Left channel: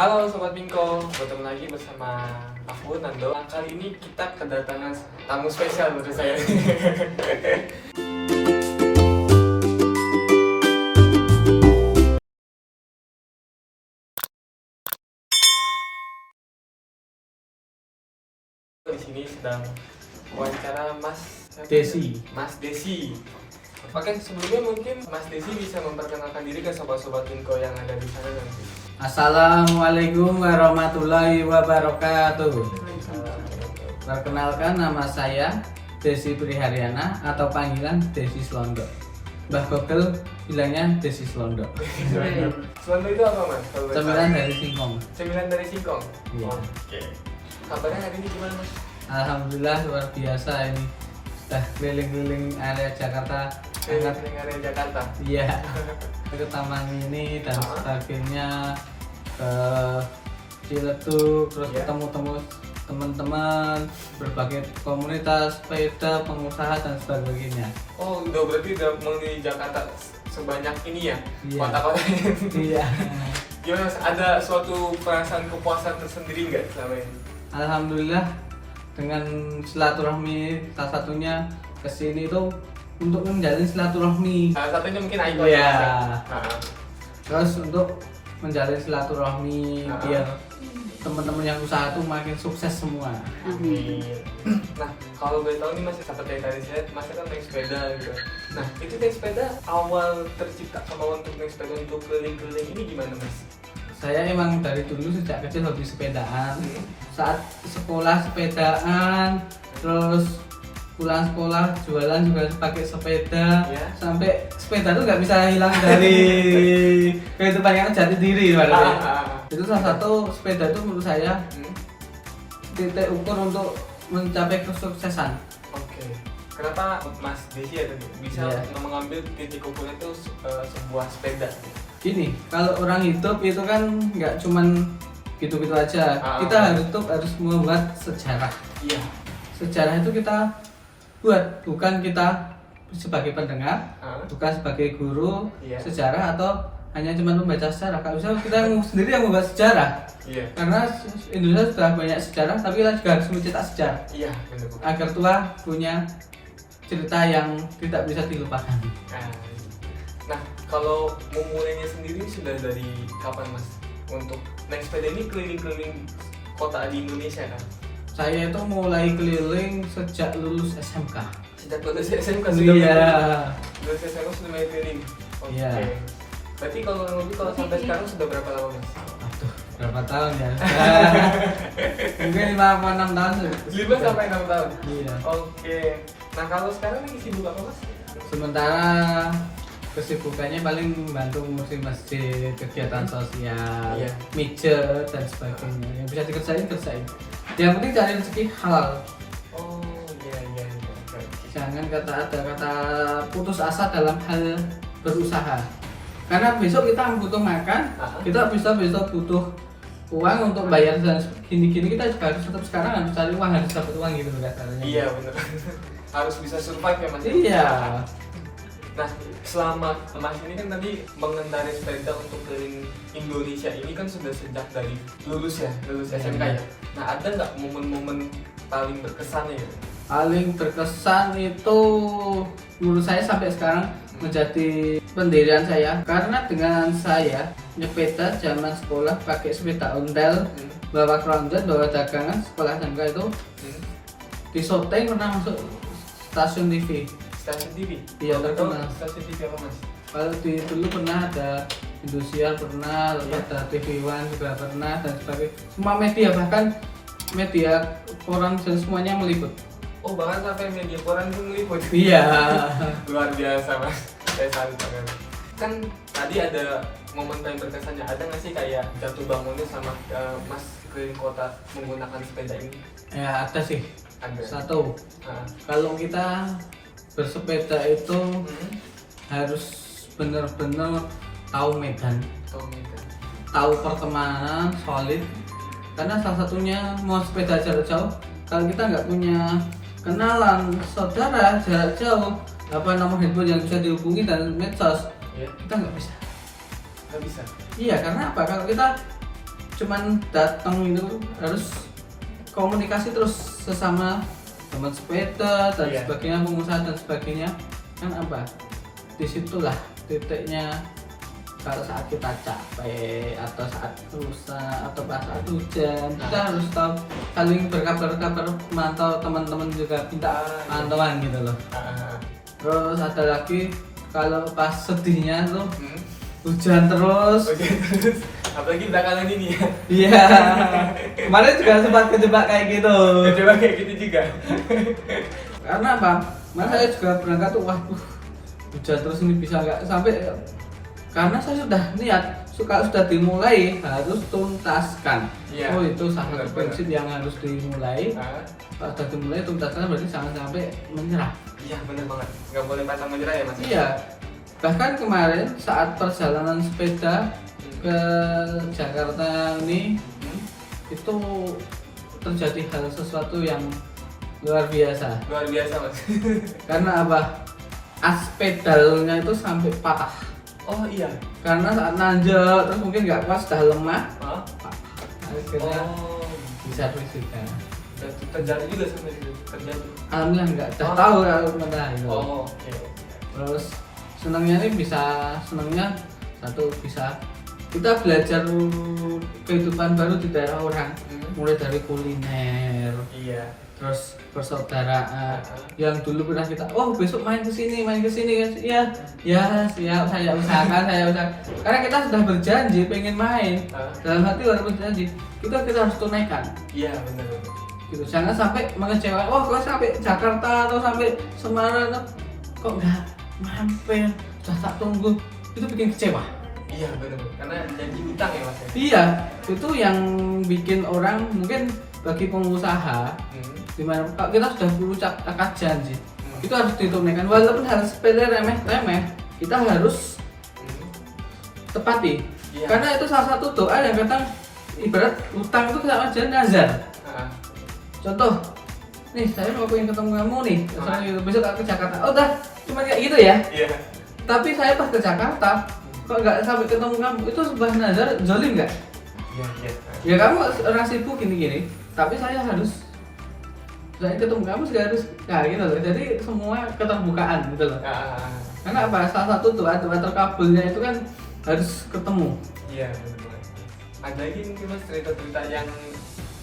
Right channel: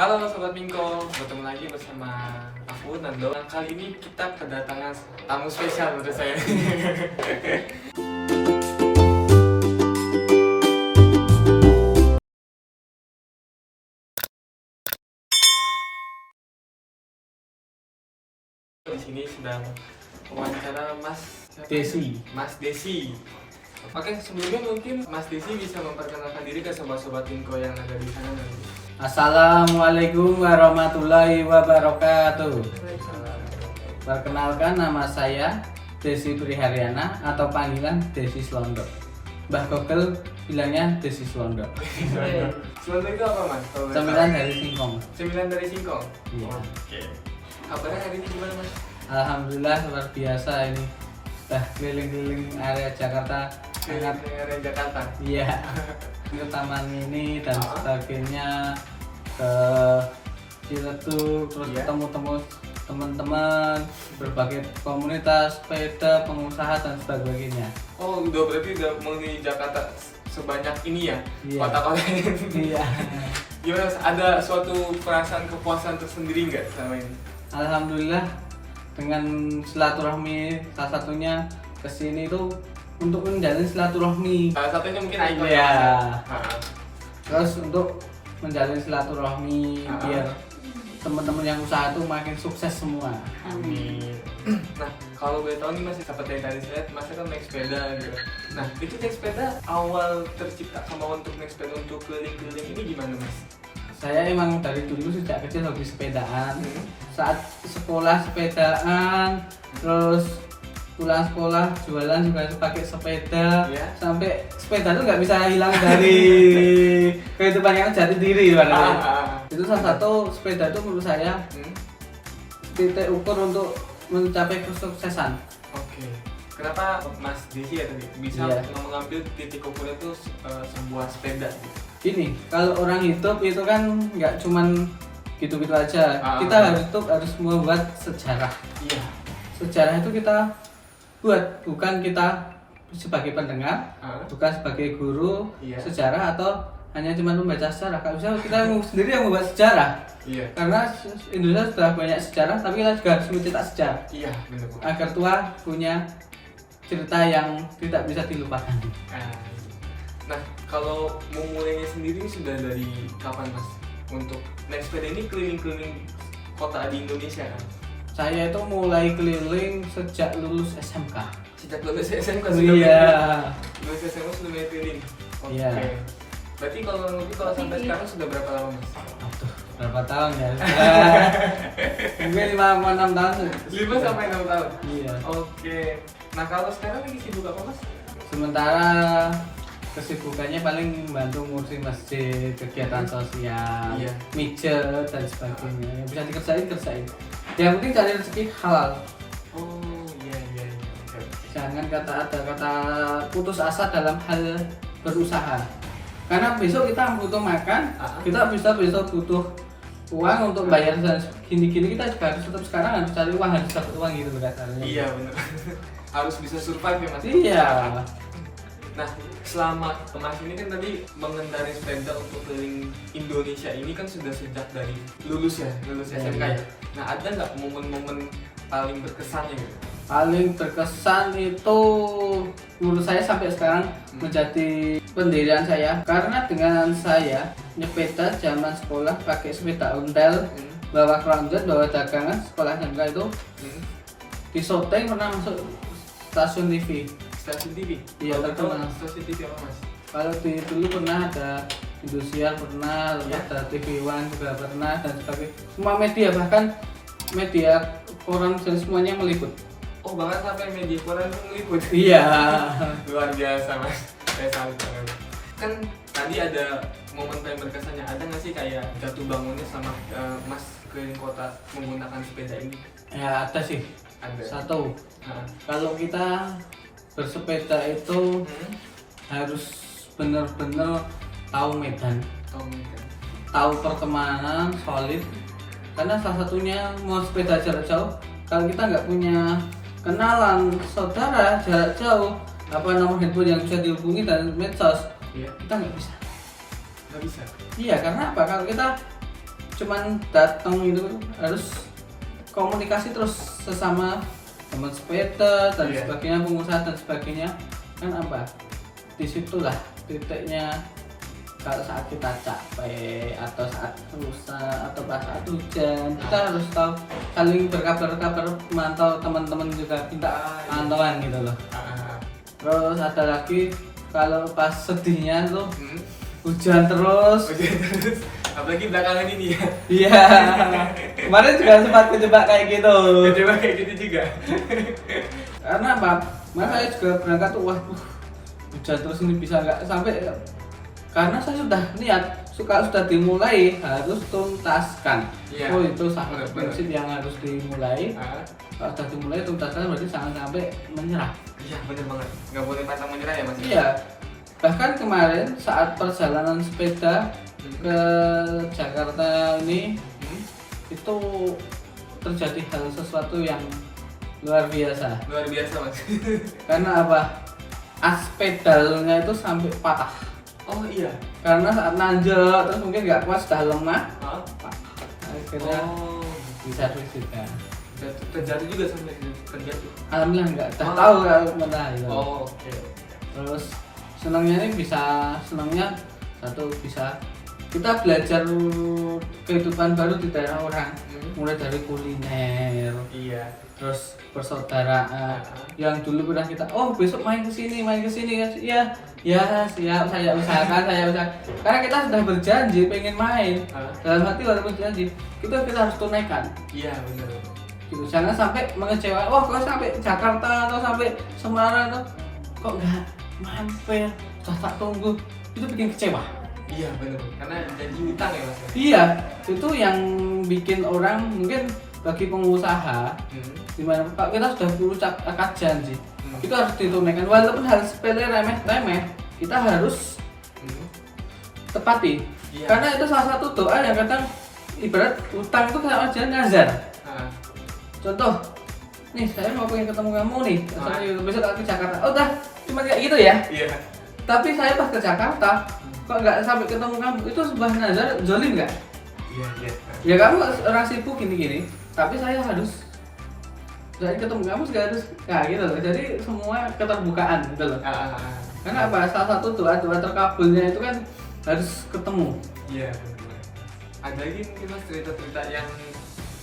Halo Sobat Bingko, bertemu lagi bersama aku Nando. Kali ini kita kedatangan tamu spesial menurut saya. Di sini sedang wawancara Mas Desi. Oke, sebelumnya mungkin Mas Desi bisa memperkenalkan diri ke sobat-sobat Bingko yang ada di sana nanti. Assalamualaikum warahmatullahi wabarakatuh. Perkenalkan, nama saya Desi Priharyana atau panggilan Desi Slondo. Mbah Gogel bilangnya Desi Slondo. Slondo itu apa Mas? Cemilan dari Singkong. Cemilan dari Singkong? Iya. Oke. Kabarnya hari ini gimana Mas? Alhamdulillah luar biasa ini. Sudah keliling-keliling area Jakarta. Keliling area Jakarta? Iya. Ke taman ini dan sebagainya, ke Ciledug, terus Iya. ketemu teman-teman, berbagai komunitas, sepeda, pengusaha dan sebagainya. Oh, berarti udah mengelilingi Jakarta sebanyak ini ya? Iya. Kota-kota ini. Iya. Gimana Mas? Ada suatu perasaan kepuasan tersendiri nggak selama ini? Alhamdulillah dengan silaturahmi, salah satunya kesini itu untuk menjalin silaturahmi. Salah satunya mungkin Aiko Iya. ya? Terus untuk menjalin silaturahmi Ah. biar teman-teman yang usaha itu makin sukses semua. Amin. Nah, kalau gue tahu nih Mas, seperti yang tadi saya, Mas kan naik sepeda gitu. Nah, itu naik sepeda awal tercipta kemauan untuk naik sepeda untuk keliling-keliling ini gimana Mas? Saya emang dari dulu sejak kecil hobi sepedaan. Saat sekolah sepedaan, terus pulang sekolah jualan juga pakai sepeda. Iya. Sampai sepeda itu nggak bisa hilang dari kehidupan yang jati diri. Itu salah satu sepeda itu menurut saya titik ukur untuk mencapai kesuksesan. Oke. Kenapa Mas Desi ya tadi bisa Iya. mengambil titik ukurnya itu sebuah sepeda? Ini kalau orang hidup itu kan nggak cuman gitu-gitu aja. Kita harus membuat sejarah. Iya. Sejarah itu kita buat, bukan kita sebagai pendengar, bukan sebagai guru Iya. sejarah atau hanya cuma membaca sejarah. Kalau bisa kita sendiri yang membuat sejarah. Iya. Karena Indonesia sudah banyak sejarah, tapi kita juga harus mencetak sejarah Iya, benar. agar tua punya cerita yang tidak bisa dilupakan. Nah, kalau memulainya sendiri sudah dari kapan Mas? Untuk naik sepeda ini keliling-keliling kota di Indonesia kan? Saya itu mulai keliling sejak lulus SMK. Sejak lulus SMK sudah Iya. lulus SMA sudah main keliling? Oke. Iya. Berarti kalau sampai sekarang sudah berapa lama Mas? Aduh, berapa tahun ya? Mungkin 5-6 tahun. 5 sampai 6 tahun? Iya. Oke. Nah, kalau sekarang lagi sibuk apa Mas? Sementara kesibukannya paling membantu ngurusin masjid, kegiatan sosial, Iya. mijet dan sebagainya. Yang bisa kerjain. Yang penting cari rezeki halal. Oh, iya. Oke. Jangan ada kata putus asa dalam hal berusaha. Karena besok kita butuh makan, kita bisa besok butuh uang untuk bayar dan gini-gini, kita juga harus tetap sekarang harus cari uang, harus dapat uang gitu kasarnya. Iya, benar. Harus bisa survive ya Mas? Iya. Nah, selama Mas ini kan tadi mengendarai sepeda untuk keliling Indonesia ini kan sudah sejak dari lulus SMK ya. Nah, ada nggak momen-momen paling berkesan ya? Paling berkesan itu menurut saya sampai sekarang menjadi pendirian saya, karena dengan saya nyepeda zaman sekolah pakai sepeda ontel, bawa keronjot, bawa dagangan sekolah SMK itu di syuting pernah masuk stasiun TV. Stasiun TV? Iya, terkenal. Stasiun TV apa Mas? Kalau dulu pernah ada Indosiar, pernah ada TV One juga pernah dan sebagainya. Semua media, bahkan media koran dan semuanya meliput. Oh, bahkan sampai media koran pun meliput? Iya. Luar biasa Mas, saya salut banget. Kan tadi ada momen paling berkesannya, ada nggak sih kayak jatuh bangunnya sama Mas keliling kota menggunakan sepeda ini? Ya ada sih. Ada. Satu, kalau kita bersepeda itu harus benar-benar tahu medan, tahu pertemanan solid. Karena salah satunya mau sepeda jarak jauh, kalau kita nggak punya kenalan saudara jarak jauh, apa nomor handphone yang bisa dihubungi dan medsos, kita nggak bisa. Nggak bisa? Iya, karena apa? Kalau kita cuman datang itu, harus komunikasi terus sesama teman sepeda dan Iya. sebagainya, pengusaha dan sebagainya. Kan apa, disitulah titiknya kalau saat kita capek atau saat rusak atau pas saat hujan, kita harus tahu saling berkabar-kabar, mantau teman-teman juga minta pantauan gitu loh. Terus ada lagi kalau pas sedihnya tuh hujan terus. Oke, apalagi belakangan ini ya. Iya. Kemarin juga sempat kejebak kayak gitu. Coba kayak gitu juga. Karena apa? Kemarin saya juga berangkat tuh, waduh, hujan terus ini bisa nggak sampai, karena saya sudah niat sudah dimulai harus tuntaskan. Iya. Oh, itu salah satu Benar. prinsip yang harus dimulai. Kalau sudah dimulai tuntaskan berarti jangan sampai menyerah. Iya benar banget, nggak boleh pantang menyerah ya mas. Iya. Bahkan kemarin saat perjalanan sepeda ke Jakarta ini itu terjadi hal sesuatu yang luar biasa. Luar biasa mas. Karena apa? As pedalnya itu sampai patah. Oh iya. Karena saat nanjak terus mungkin nggak kuat, sudah lemah, Hah? patah. Akhirnya Oh, bisa bersihkan. terjadi juga sampai situ terjadi. Alhamdulillah nggak, udah Oh. tahu kalau mana itu. Oh oke. Terus senangnya ini senangnya satu bisa kita belajar kehidupan baru di daerah orang, mulai dari kuliner, Iya. terus persaudaraan. Yang dulu pernah kita, oh besok main ke sini guys. Iya, ya siap, saya usahakan. Karena kita sudah berjanji pengen main. Dalam hati walaupun berjanji, kita harus tunaikan. Iya benar. Gitu. Jangan sampai mengecewakan. Oh, kalau sampai Jakarta atau sampai Semarang tuh kok nggak mampir, sudah tak tunggu, itu bikin kecewa. Iya benar. Karena janji utang ya mas. Iya, itu yang bikin orang mungkin bagi pengusaha, dimana kalau kita sudah berucap akad janji, itu harus ditunaikan walaupun hal sepele remeh, kita harus tepati. Iya. Karena itu salah satu doa yang kadang ibarat utang itu sama aja nazar. Contoh, nih saya mau pengen ketemu kamu nih, besok aku ke Jakarta. Oh, udah cuma kayak gitu ya. Iya. Tapi saya pas ke Jakarta, kok nggak sampai ketemu kamu, itu sebuah nazar, zolim nggak? Iya iya. Ya kamu orang sibuk gini-gini, tapi saya ketemu kamu juga harus, nah gitu loh. Jadi semua keterbukaan gitu loh. Karena apa? Salah satu doa terkabulnya itu kan harus ketemu. Iya benar. Ada lagi mungkin mas cerita-cerita yang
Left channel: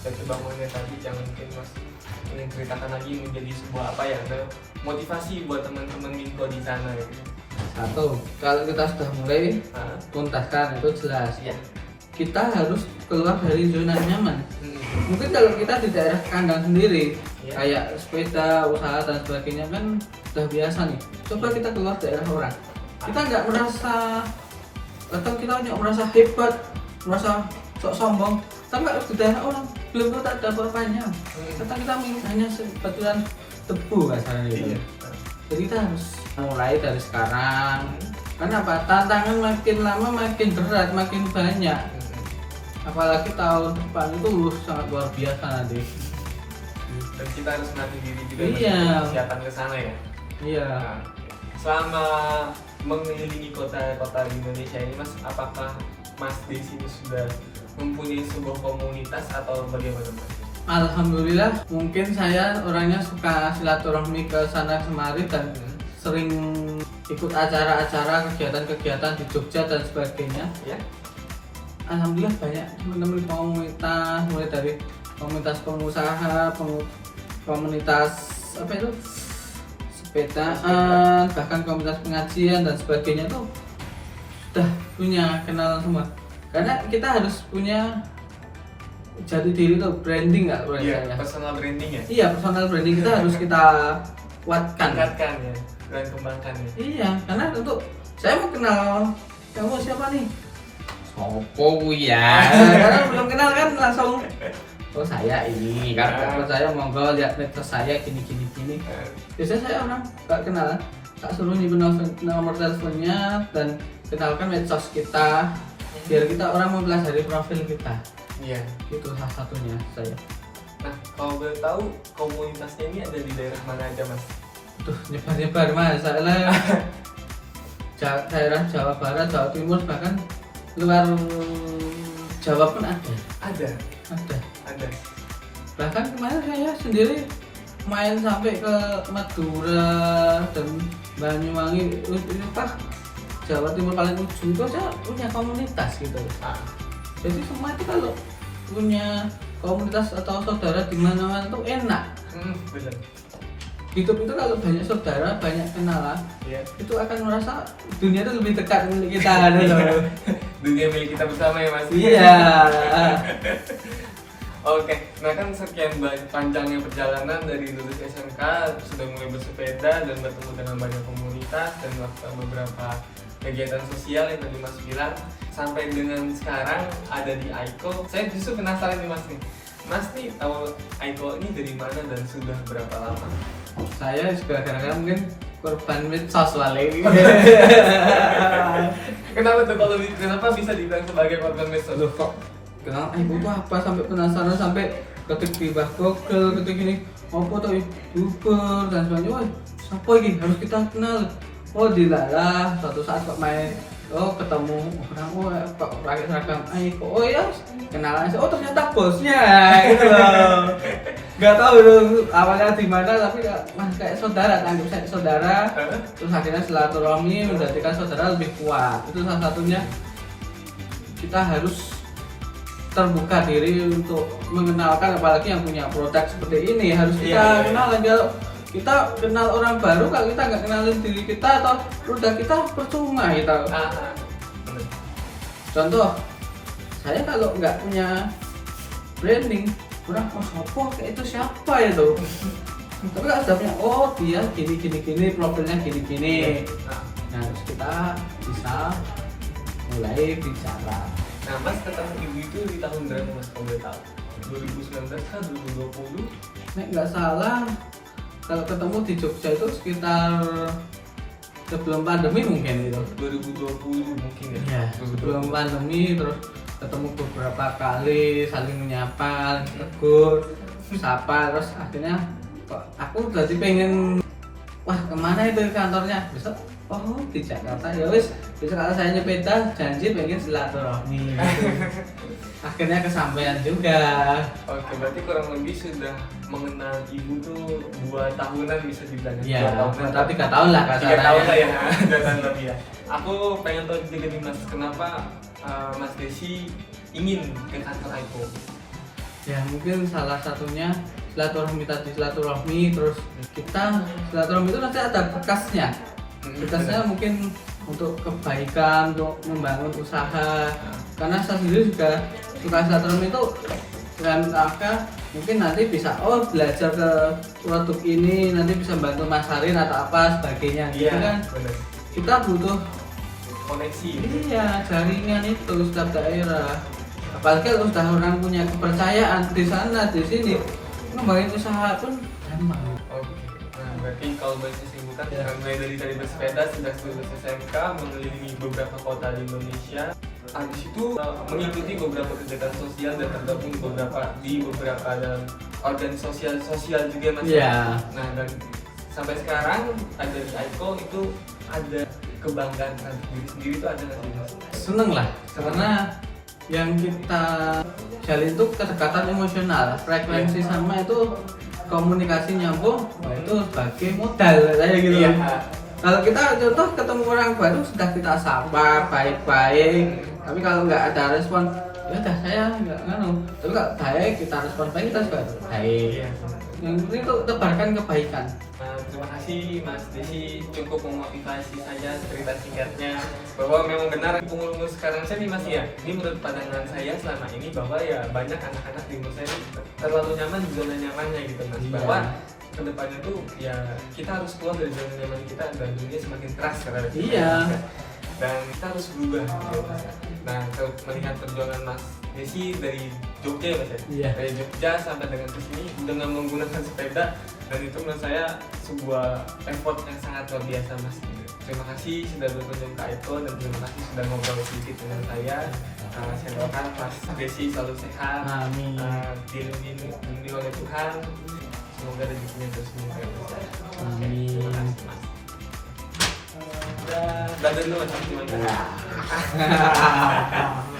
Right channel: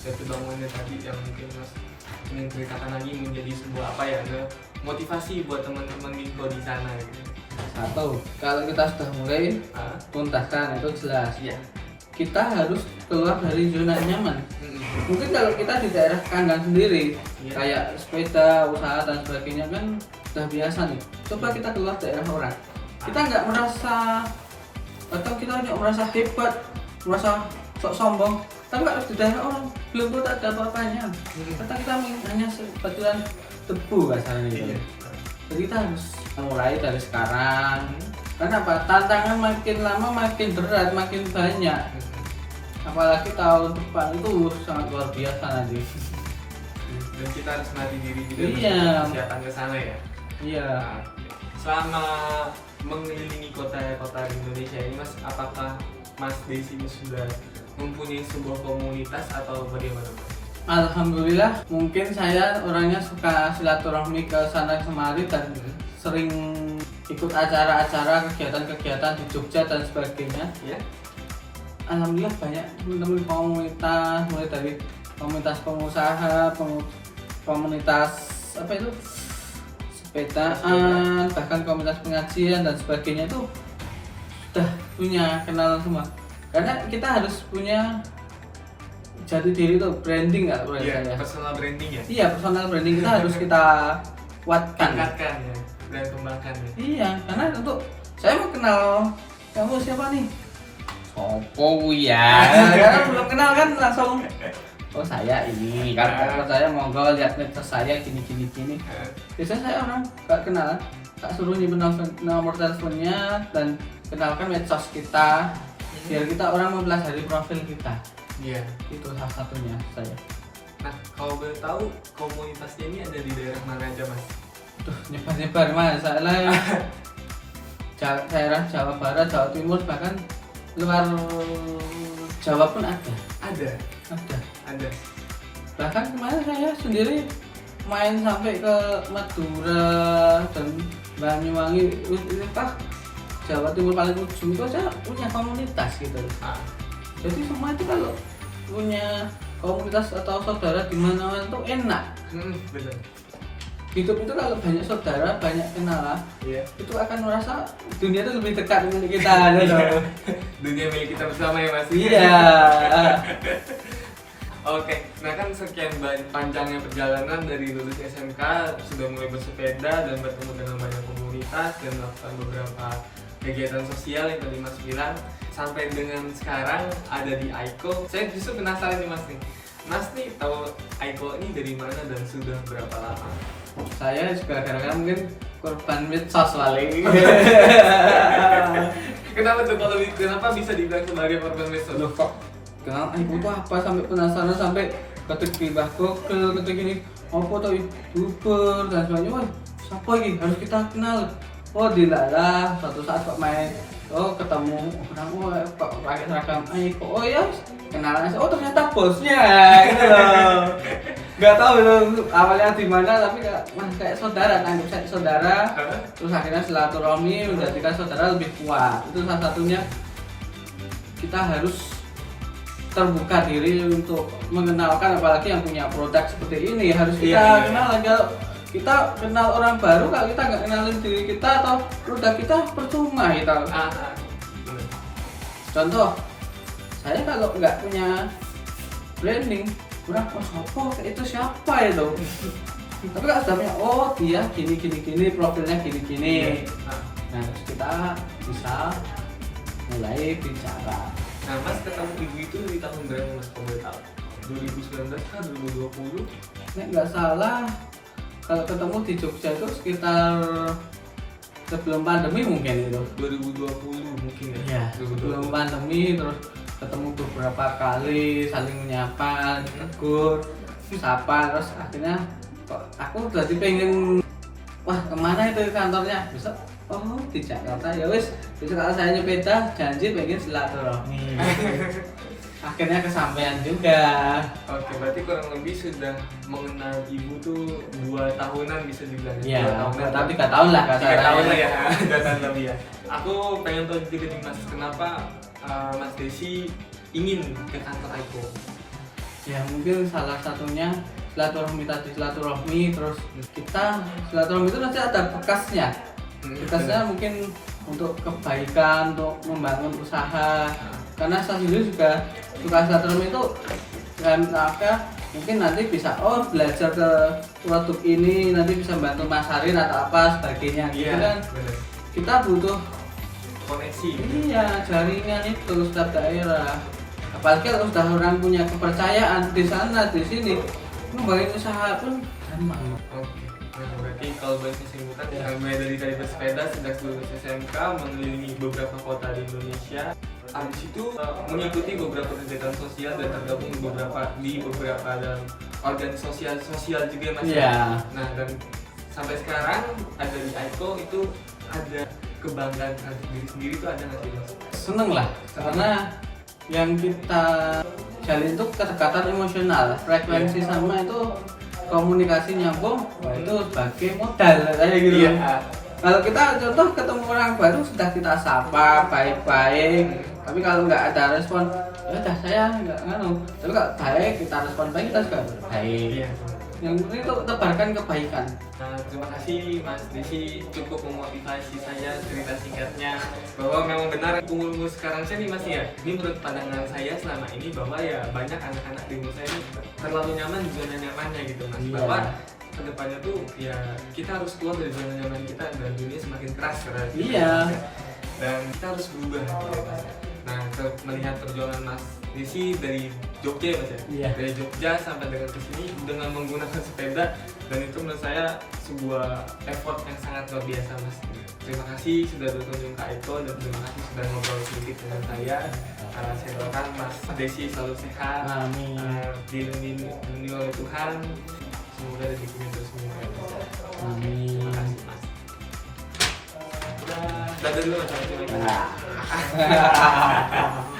saya bangunnya tadi yang mungkin mas ingin ceritakan lagi menjadi sebuah apa ya, motivasi buat teman-teman mikro di sana gitu. Satu, kalau kita sudah mulai tuntaskan itu jelas. Iya. Kita harus keluar dari zona nyaman. Mungkin kalau kita di daerah kandang sendiri, kayak sepeda, usaha dan sebagainya kan sudah biasa nih. Coba kita keluar daerah orang. Kita nggak merasa, atau kita nggak merasa hebat, merasa sok sombong. Tapi kalau di daerah orang belum tentu ada apa-apanya. Kita hanya sebatuan debu kasarnya gitu. Jadi kita harus mulai dari sekarang. Karena apa? Tantangan makin lama makin berat, makin banyak. Apalagi tahun depan itu sangat luar biasa nanti. Dan kita harus melatih diri juga Iya. persiapan ke sana ya. Iya. Nah, selama mengelilingi kota-kota di Indonesia ini mas, apakah mas di sini sudah mempunyai sebuah komunitas atau bagaimana mas? Alhamdulillah, mungkin saya orangnya suka silaturahmi ke sana kemari dan sering ikut acara-acara, kegiatan-kegiatan di Jogja dan sebagainya. Ya. Alhamdulillah banyak teman-teman komunitas, mulai dari komunitas pengusaha, komunitas apa itu sepedaan, bahkan komunitas pengajian dan sebagainya itu sudah punya kenal semua. Karena kita harus punya jati diri tuh, branding nggak boleh Iya, saya. personal branding ya. Iya, personal branding kita harus kita kuatkan. Tingkatkan ya dan kembangkan ya. Iya, karena untuk saya mau kenal kamu siapa nih? Sopo ya. Karena belum kenal kan langsung, oh saya ini kan, kalau saya monggo lihat medsos saya gini. Biasanya saya orang nggak kenal, tak suruh nyimpen nomor teleponnya dan kenalkan medsos kita, biar kita orang mau pelajari profil kita. Iya. Itu salah satunya saya. Nah, kalau boleh tahu komunitasnya ini ada di daerah mana aja mas? Tuh nyebar masalah ya. Daerah Jawa Barat, Jawa Timur, bahkan luar Jawa pun ada. Ada. Ada. Bahkan kemarin saya sendiri main sampai ke Madura dan Banyuwangi, ini apa, Jawa Timur paling ujung itu saya punya komunitas gitu loh. Jadi semua itu kalau punya komunitas atau saudara di mana-mana itu enak. Benar. Hidup itu kalau banyak saudara, banyak kenalan, itu akan merasa dunia itu lebih dekat dengan kita. Dunia milik kita bersama ya Mas. Iya. Oke, nah kan sekian panjangnya perjalanan dari lulus SMK, sudah mulai bersepeda dan bertemu dengan banyak komunitas dan melakukan beberapa kegiatan sosial yang tadi Mas bilang, sampai dengan sekarang ada di Aiko. Saya justru penasaran nih Mas nih. Mas nih tahu Aiko ini dari mana dan sudah berapa lama? Saya juga kadang-kadang mungkin korban medsos lagi. Kenapa tuh kenapa bisa dibilang sebagai korban medsos? Loh kok kenal ibu tuh apa, sampai penasaran, sampai ketik di Google, ketik ini apa tuh YouTuber dan sebagainya. Wah, siapa ini harus kita kenal. Oh dilalah suatu saat kok main, oh ketemu orang, kok pakai seragam Aiko, oh ya kenalan, oh ternyata bosnya gitu loh. Nggak tahu dulu awalnya di mana, tapi kayak saudara kan, kayak saudara. Terus akhirnya silaturahmi menjadikan saudara lebih kuat. Itu salah satunya, kita harus terbuka diri untuk mengenalkan, apalagi yang punya produk seperti ini harus kita kenal aja. Kita kenal orang baru, kalau kita nggak kenalin diri kita atau produk kita percuma gitu. Contoh, saya kalau nggak punya branding, berapa itu siapa itu? Tapi kalau sudah punya, oh dia gini, profilnya gini. Nah terus kita bisa mulai bicara. Nah Mas ketemu ibu itu di tahun berapa Mas, kalau boleh tahu? 2019 kan 2020? Nek nggak salah, kalau ketemu di Jogja itu sekitar sebelum pandemi mungkin itu. 2020 mungkin ya? Iya, sebelum pandemi. Terus ketemu beberapa kali, saling menyapa, tegur, sapa, terus akhirnya aku berarti pengen, wah kemana itu kantornya? Besok, oh di Jakarta ya wis. Besok kalau saya nyepeda janji pengen silaturahmi. Akhirnya kesampaian juga. Oke, berarti kurang lebih sudah mengenal ibu tuh 2 tahunan bisa dibilang. Iya, 2 tahunan. tapi 3 tahun lah. 3 tahun lah ya, 3 tahun lebih ya. Aku pengen tahu juga nih Mas, kenapa Mas Desi ingin ke kantor Aiko? Ya mungkin salah satunya silaturahmi tadi, silaturahmi, terus kita silaturahmi itu nanti ada bekasnya. Bekasnya mungkin untuk kebaikan, untuk membangun usaha. Karena saya sendiri juga suka silaturahmi itu, dan mungkin nanti bisa belajar ke produk ini, nanti bisa bantu masarin atau apa sebagainya. Gitu kan kita butuh koneksi. Iya, jaringan itu setiap daerah. Apalagi kalau sudah orang punya kepercayaan di sana, di sini, membangun usaha pun gampang. Oke, berarti kalau boleh disimpulkan, mulai dari bersepeda sejak lulus SMK, mengelilingi beberapa kota di Indonesia. Habis itu mengikuti beberapa kegiatan sosial dan tergabung di beberapa dan organisasi sosial juga Mas. Iya. Nah, dan sampai sekarang ada di Aiko itu ada kebanggaan diri sendiri itu ada nggak sih Mas? Seneng lah, karena yang kita jalin itu kedekatan emosional, frekuensi sama itu komunikasi nyambung, itu sebagai modal kayak gitu. Iya. Kalau kita contoh ketemu orang baru sudah kita sapa baik-baik, tapi kalau nggak ada respon, ya udah saya nggak nganu. Tapi kalau baik kita respon baik, kita juga baik. Iya. Yang penting itu tebarkan kebaikan. Terima kasih Mas Desi, cukup memotivasi saya cerita singkatnya bahwa memang benar umur sekarang saya nih Mas ya, ini menurut pandangan saya selama ini bahwa ya banyak anak-anak di umur saya terlalu nyaman di zona nyamannya gitu Mas. Iya. Bahwa kedepannya tuh ya kita harus keluar dari zona nyaman kita dan dunia semakin keras sekarang. Iya. Dan kita harus berubah gitu. Nah, melihat perjuangan Mas Desi dari Jogja ya Mas ya? Iya. Dari Jogja sampai dengan ke sini dengan menggunakan sepeda, dan itu menurut saya sebuah effort yang sangat luar biasa Mas. Terima kasih sudah berkunjung ke Aiko dan terima kasih sudah ngobrol sedikit dengan saya. Saya doakan Mas Desi selalu sehat, Amin. dilindungi oleh Tuhan, semoga rezekinya terus meningkat. Amin. Terima kasih Mas. Dadah dulu Mas. Assalamualaikum.